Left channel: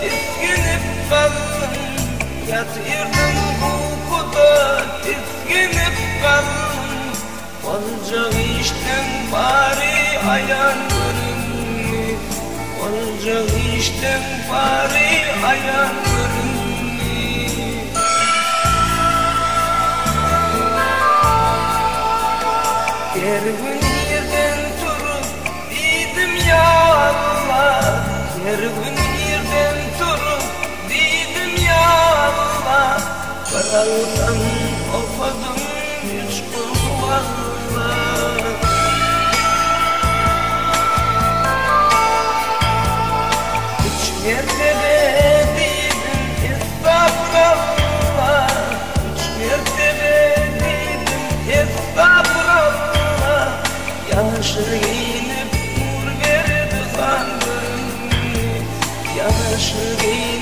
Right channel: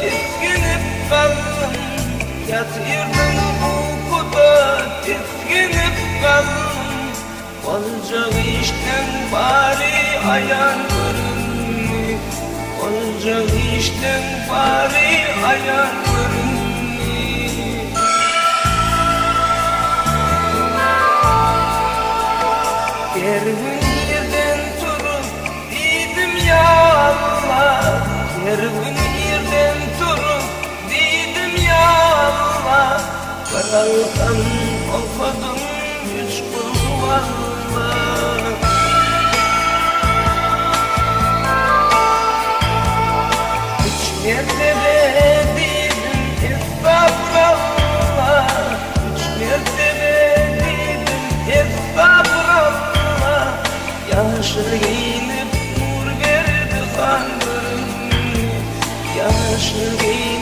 titkinip kaldım, yatırdım uykuda titkinip kaldım. Olacak işten bari ayaklarını, olacak işten bari ayaklarını. Her gün yerden turup giydim ya Allah, her gün yerden turup giydim ya Allah. Karaldan olmadım düştüm valla. Hiç yerde değildim estağfurullah, hiç yerde değildim estağfurullah. Yaşlı giyinip nur verdi kanlarım, yaşlı giyinip